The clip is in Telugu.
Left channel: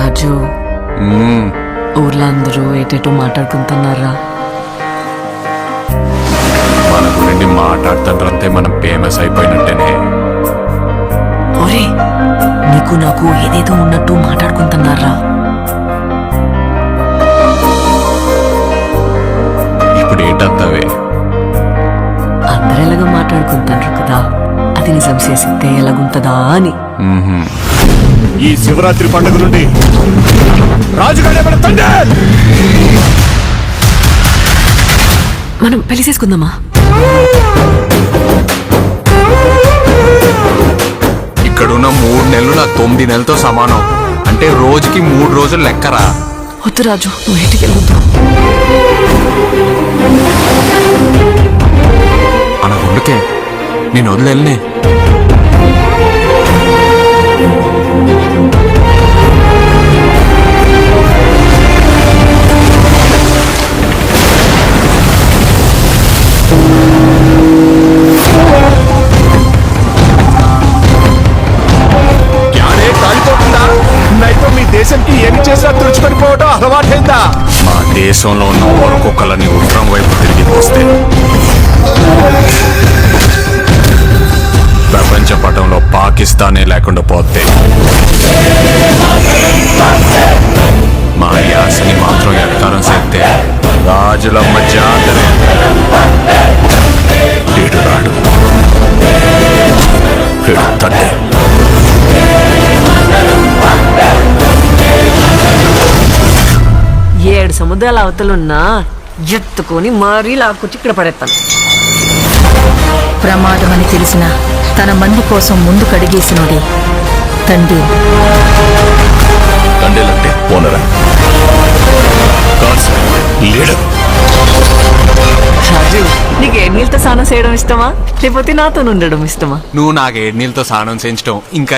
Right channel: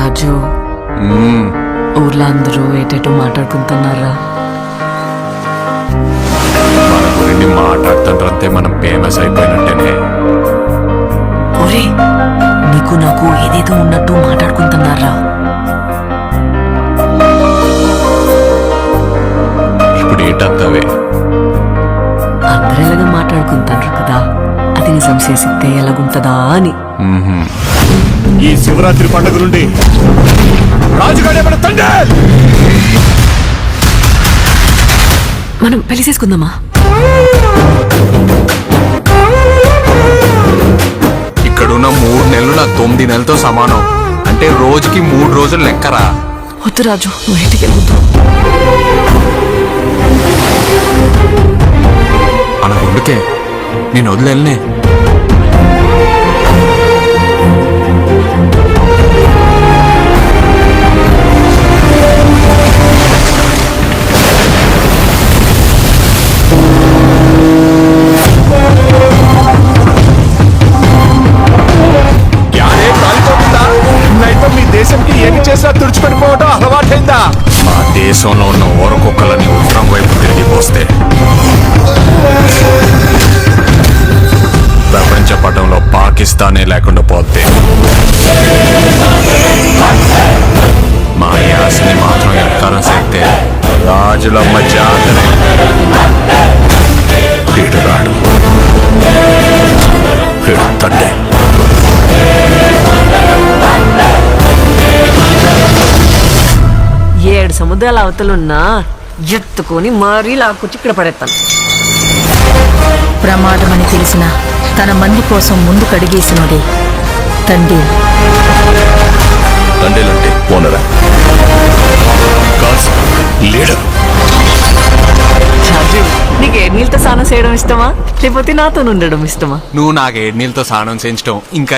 రాజు ఊర్లో అందరూ ఏటేటో మాట్లాడుకుంటున్నారా? మన గురించి మాట్లాడుతుంటే మనం ఫేమస్ అయిపోయినట్టేనే. ఒరే, నీకు నాకు ఏదేదో ఉన్నట్టు మాట్లాడుకుంటున్నారా? ఇప్పుడు ఏటత్తవే? అందరు ఎలాగ మాట్లాడుకుంటారు కదా, అది నిజం చేసితే ఎలాగుంటదా అని. ఈ శివరాత్రి పండుగ నుండి రాజుగాడే మన తండ్రి. మనం పెళ్లి చేసుకుందామా? ఇక్కడున్న 3 నెలలు నా 9 నెలలతో సమానం. అంటే రోజుకి 3 రోజులు లెక్కరా. వద్దు రాజు, నువ్వు ఇంటికి వెళ్ళొద్దు. అన గుండుకే నేను వదిలేనే. కాలిపోతుందా? నైతో మీ దేశంకి ఏమి చేసినా తుడుచుకొని పోవటం అలవాటైందా? మా దేశంలో ఉన్న ఓరకొక్కలని ఉత్తరం వైపు తిరిగి పోస్తే ప్రపంచ పటంలో పాకిస్తానే లేకుండా పోతే మా యాసని మాత్రం ఎట్కారం చేస్తే రాజులమ్మ జాతరే. వీడు రాడు, వీడు తండ్రి. ఏడు సముద్రాల అవతలున్నా ఎత్తుకొని మరీ లాక్కొచ్చి ఇక్కడ పడేస్తాను. ప్రమాదమని తెలిసిన తన మంది కోసం ముందు కడిగేసినోడే తండ్రి. తండ్రిలంటే ఓనరా? కాదు, లీడర్. రాజు, నీకు ఏడు నీళ్ళతో స్నానం చేయడం ఇష్టమా, లేకపోతే నాతో ఉండడం ఇష్టమా? నువ్వు నాకు 7 నీళ్ళతో స్నానం చేయించడం ఇంకా